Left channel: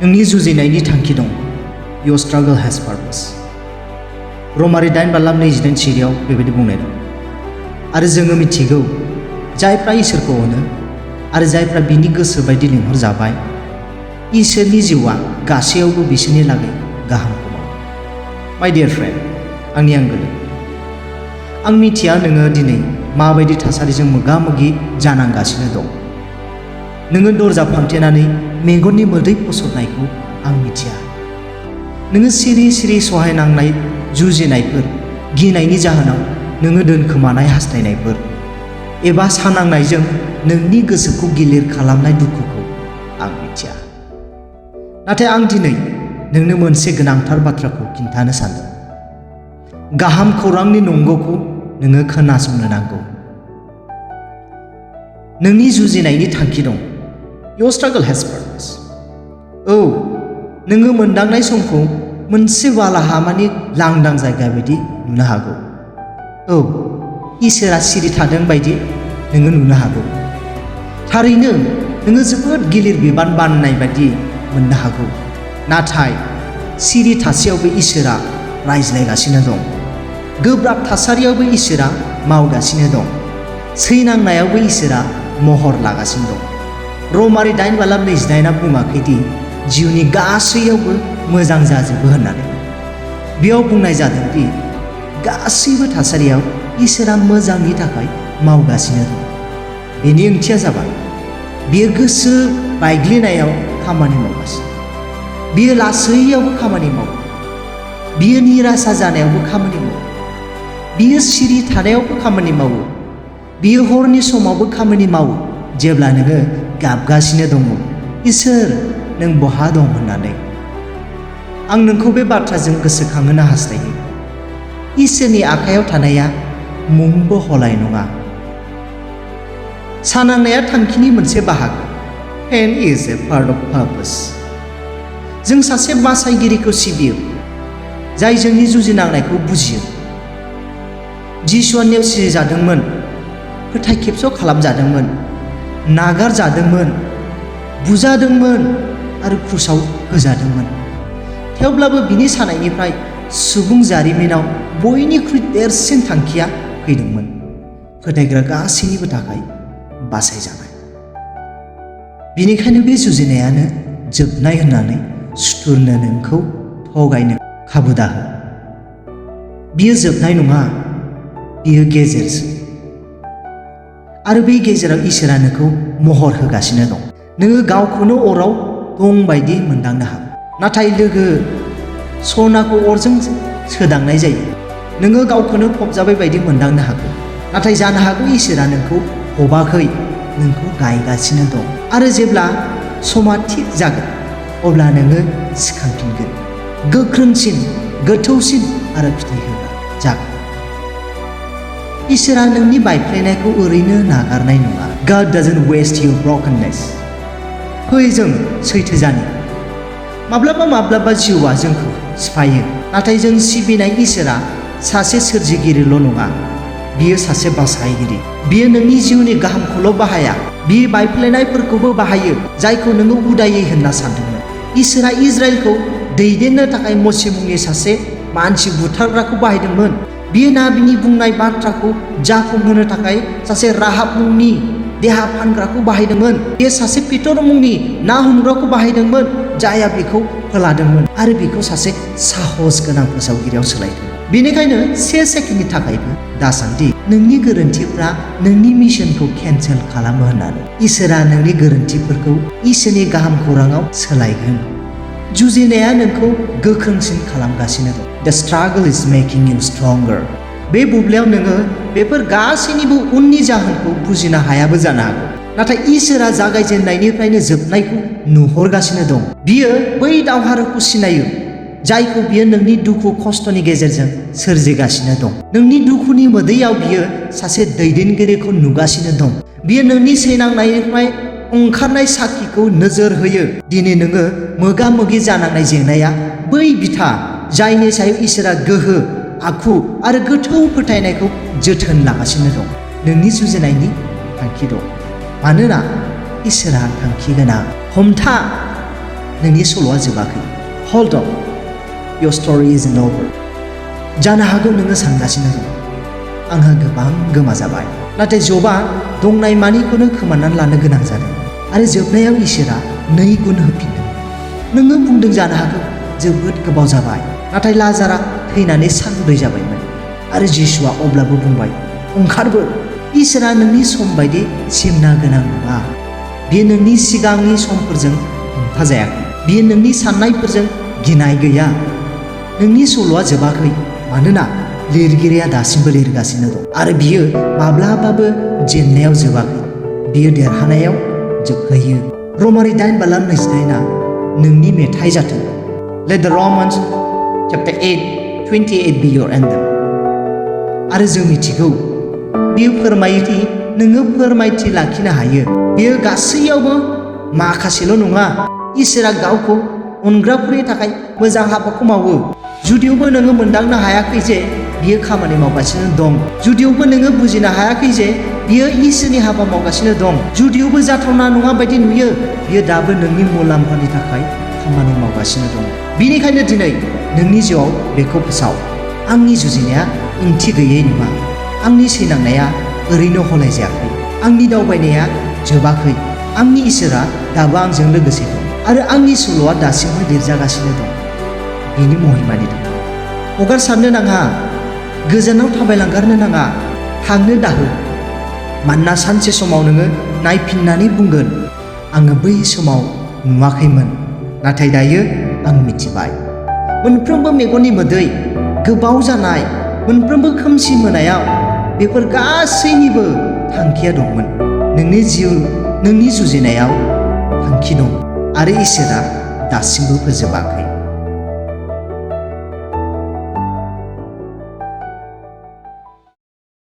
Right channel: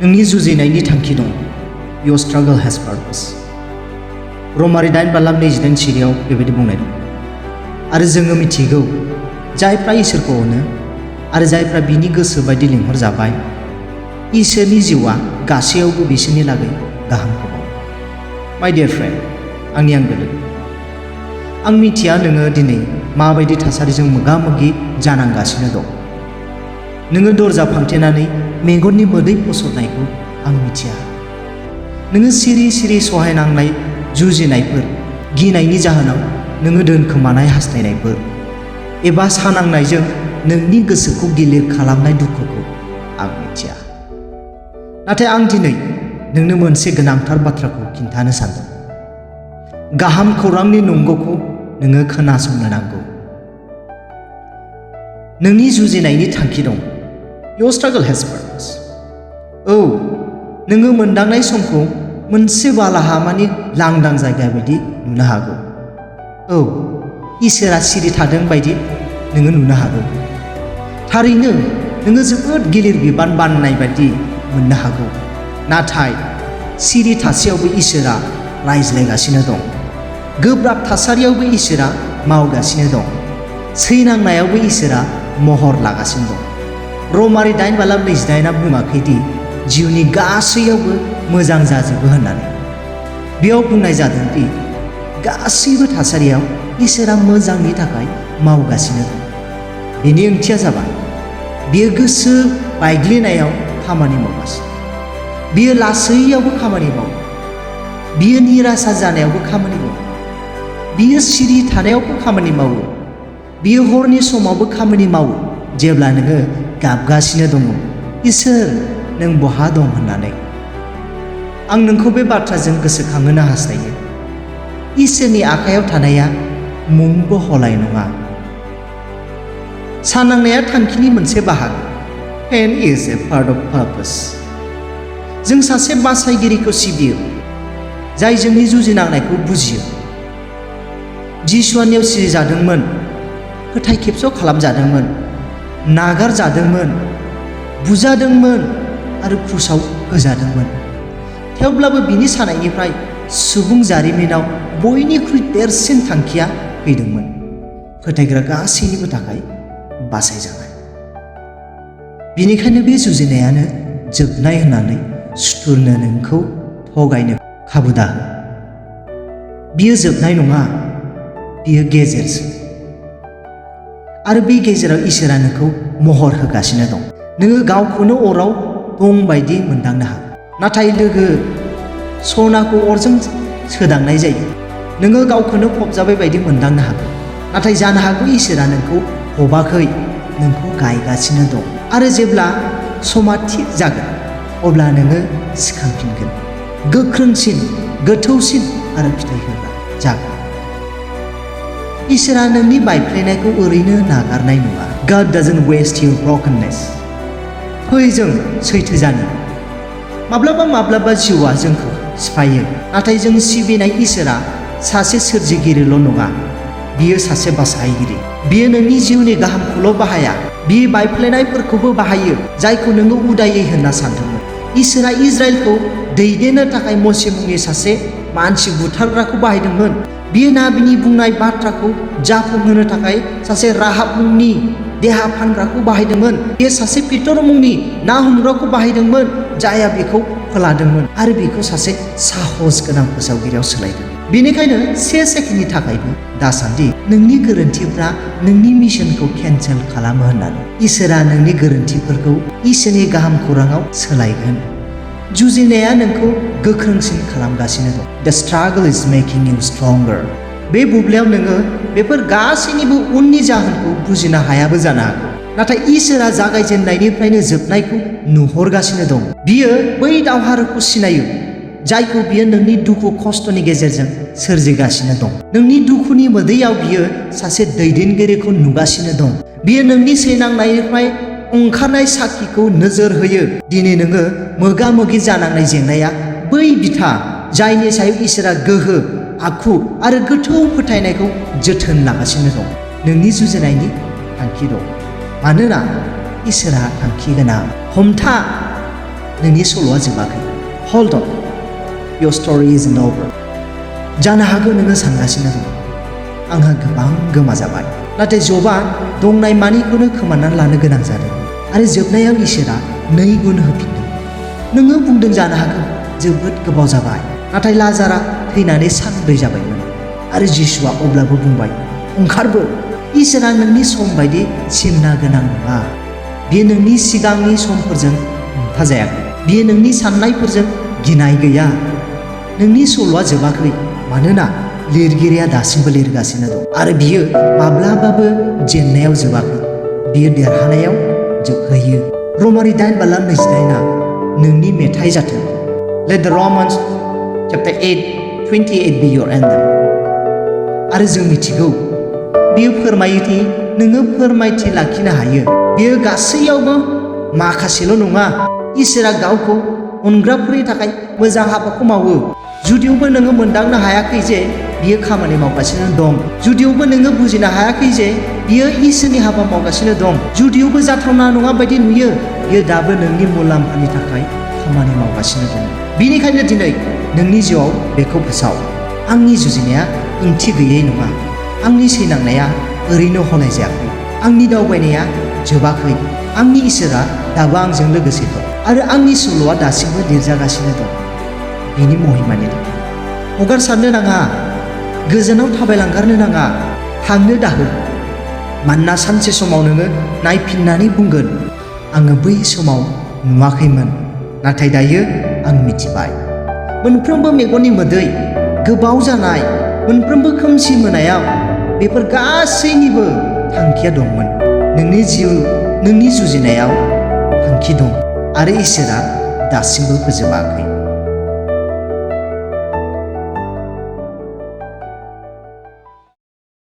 नोंनि जुजिनायनि थांखि दं। Your struggle has purpose. रमारि 8:22 सिरियाव बेबायदि बुंनाय दं। आरो जोङो मिथिगौ जायफ्रा इसोरखौ अनो आरो जायफ्रा बिनि गोसो बायदि लिंहरजाबाय, इसोरनि जिउआ गासैयावबो बिसोरनि लागै गाहामखौ दं। माय डियार फ्रेन्ड, आंनि आंगो लोगो, आं मिथिया नोङो दिनै माबायदि थासारिजों मोगा-मोगि जानांगासिनो दं। नोङो दरजा फांथेनानै मेगननि मोदै फसरनायखौ आं मिथिया। नोङो सिरि सिरि सहायनांनाय जुजिनायफोर, गिनायनि जाहोनाव नोङो दोनखोमानाय हास्थायनायफोर एबा सानांनायजों नोंनि गोसोखौ गिलिर खालामनाय दुखुखौ आं मिथिया। नाथाय आं दिनै नोंनो मोनसे गोनांथार बाथ्राखौ खिन्थानो सानदों। गाहाम खौरांनि नंगौखौ नोङो खोनासंनो नांगौ। नोंनि जुजिनायनि थांखि दं। Your struggle has purpose. औ, नोङो मोनदांनाय समखौ मोनसे बालाहामानि लांदां जायगा बायदि नुनो हागौ। औ, इसोरा सिरि थादों बायदि नोङो नुनो हागौ। थारैनो नोङो जोबोद गिलिर बिबान बाननाय बायदि मोननो हागौ। नाथाय सिरि थासेयावबो इसोरा रायज्लायगासिनो दं। गोब्राब थासारियावबो इसोरा मावगासिनो दं। सैनांनायावबो इसोरा महर लागासिनो दं। रमारि 8:29 बुङाखैदि जिउनि गासैयावबो मोजां जाजोबो होननानै। बेयाव बुंनाय जादोंदि गासैबो थासारियाव इसोरा मोजांनि थाखाय मावगासिनो दं। बेनि ओंथिया जाबाय बियो गोसो बायग्लिनायाव खामानि मावगासिनो, बियो लासैयावबो खामानि मावो, बियो निराशा जानायावबो खामानि मावो, बियो सिरि थानायावबो खामानि मावो, बियो हरनि समावबो खामानि मावो जेब्ला नोङो गाबगासिनो दङ, इसोर नों बहा दं होननानै। आं नोंखौ बे बाथ्राजों गोसोखांहोनो हास्थायो। इसोरनि आखायाव थानाया मुंबो हलाय नङा। सानांनाया थांखिनि मोनसे बाहागो। Pain is a part of purpose. जों सासे बासायगिरिखौ सिबियो जाय जोंनि जुजिनांनायखौ बुजियो। जिसुआ नेवसिजादोंमोन, फोथाय खेबस' खालामजादोंमोन, नागारजादोंमोन, बुजादोंमोन आरो क्रुसाव होजादोंमोन। थेवब्लाबो बिनि सानायनिफ्राय सुबुं जारिमिनाव बयनिख्रुइ देरसिन थांखिया फैदोंमोन, फोथायग्रा गासैनिबो थाखाय बासायजानाय। बेनिखायनो बे जुजिनायानो जोबनाय होननानै सुथुरनो नोंखौ थगायनो खाबु दा। बियो जोबनाय नङा, बियो गेजेरसो। आरो बे गेजेराव इसोरा नोंखौ महर होगासिनो दं। नोङो गावखौनो अराव दं बायदि मोनदांनो हागौ। नाथाय लोगो, सनाखौ अरजों सोदांनाय जायो। नोङो गावखौनो फबजाबाय बायदि मोनदांनो हागौ। नाथाय जानो हागौ इसोरा नोंखौ फबाखै, नोंखौ गायगासिनो दं। आरो जेब्ला समा थिग जागोन अब्ला नोङो सिखांफिनगोन, गोख्रोंसिन, गोथौसिन आरो फिथाइ होग्रा जागोन। इसोरा नोंनि बायफ्लेनायखौ ओरैनो नागारनाय नङा। God doesn't waste your brokenness. फै जों सैथो जानि। माब्लाबा जिउआ जोंखौ सिफायो, नाथाय जों सिबिनाय इसोरा सासे सोरजिगिरिल' नङा, बियो सासे बासायगिरि। बियो नोंनि जिउनि गाहामखौल' बाहाया, बियो बायफ्लेनायफोरखौबो बाहायो जायखौ नोङो उदायै होनना सानदोंमोन। इसोरा इजराइलखौ दैदेननो थाखाय मसे मुंनि सासे मानसि बुथारग्राखौ बाहायदोंमोन। बियो नाबिनि बुंनाय बाथ्राखौ जाफुंहोनो थाखाय सासे राहाब मुंनि देहा फानग्राखौ बाहायदोंमोन। बियो सासे पितर मुंनि ना हमग्राखौ बाहायदोंमोन जायहा बेखौ फोलादोंमोन आरो बेखौ सासे साहस गोनां फोसावगिरियाव सोलायदोंमोन। बेनिखायनो 1 सेकेन्डनि थाखायबो दासान्दि नोंनि गोरोन्थिफ्रा नोंनि मिशनखौ केन्सेल खालामो होननानै। इसोरा नोंनि गोरोन्थिफोरखौ इसोरनि गाहाम खौराङाव सोलायगोन। जुजिनाया नोंखौ गोख्रोंसिन खालामगासिनो दं। The struggle is making you stronger. बे बुब्लियाव नोङो बेफोर गासैनिबो उननि जाहोनखौ बुजिनो हायाबो जानो हागौ। नाथाय इसोरा जागायजेननायनिफ्रायनो जोबनायखौ नुहरगासिनो दं। बियो बै दावहारुखौ सिनायो जायखौ बियो नोंनि दुखु खस्थ'नि गेजेरजों सोरजिगासिनो दं। नोंनि दुखुनि मोदैयाव बियो सासे दैदेनगिरिखौ नुगासिनो दं। बियो नोंनि सैनांनायनिफ्राय ओंखारनाय साखिखौ नोजोर होयो। दिनै नोङो मोगा मोगि जानांनाय जेंनाया बै बिथा जायनि सायाव इसोरा गोहो, आखु आरो गोथौ फोथायनायखौ जोथोन लागासिनो दं। नोंनि जुजिनायनि थांखि दं, मानोना इसोरा थांखि गोनां। हमथा, नोंनि सल'आ जोबाखै। Hold on, your story isn't over. जानो हागौ नोङो सानगासिनो दं, आंहा गोबां गोमाजाबाय, नाथाय जबआ दंनाय मानिखौनो खोमानानै लानो गोनां जादों आरो जोबनायाव इसोरा 2 गुन होफिनदों। नोङो बुंदों जानो हागौ जोबोद गोबाव जाबाय, नाथाय लाजारआ थैनानै सानब्रै जाबायमोन आरो जिसुआ अब्लाबो बुंबाय, ओंखारबो। इसोरा नोंनि सम बायदि सिमना गोनां नङा। बेयो नोंनि सिगांनि समफोरजों हमथाजायाखै। बेयो नोंनि साननायफोरजों गिनाय गैया। नोंनि सल'आ जोबाखै, मानोना लिरगिरिया दासिमबो लिरगासिनो दं आरो बियो माब्लाबाबो जेननायाव जोबाखै। बियो देरहानायाव जोबहैयो। रमारि 8:28 नोंनि मेथाइ जाथों। Let the Romans chapter 8:28 be your anthem. आरो जों मिथिगौ, बेयो फोरमायोदि नोङो फोरमायथि लाखिनो हायो। बेयो गासैयावबो माखासेल' नङा। इसोरा गावखौ अनग्राफोरनि थाखाय मोजां हाबाखौ मावो। जुदियावबो नोङो मोनदांनो हायाखै जे बियो खामानि मावगासिनो दं, जुदियावबो नोङो बुजिनो हायाखै जे बियो इसोरनि हाबा मावगासिनो दं, जुदियावबो जाथावना नङा बायदि नुयो, बियो दाबो नोंनि मुलाम्फानि थाखाय खामानि मावगासिनो दं। बेनिखायनो दिनै नोंनि जिउआव बेखौ फोसाव, आंनि जुजिनाया ओंथि गैयै नङा। आंनि सैनांनाया ओरैनो हलाय जायाखै। आंनि दावबायनाया जोबाखै। आंनि इसोरा दाबो आंजों लोगोसे दं आरो आंनि सल'आ दासिमबो लिरजागासिनो दं। बिनि महिमानि थाखाय हगारसारनो नाङा, गोजानाव थाबायलांगारनो नाङा, थांनो दाहो। मानोना सानसे समाव नोङो नायफिननानै बुंगोन, आङो बै समाव नुवाखैमोन, नाथाय दायो आं मिथिबाय। मोनफ्रोमबो मेगननि मोदै, गोबाव जानाय, मोनफ्रोमबो खोमसि मोनायाव बेफोर गासैनिबो थांखिया दंमोन। नोंनि जिउ, नोंनि जुजिनायाव थांखि दं आरो इसोरा दासिमबो फोजोबाखै।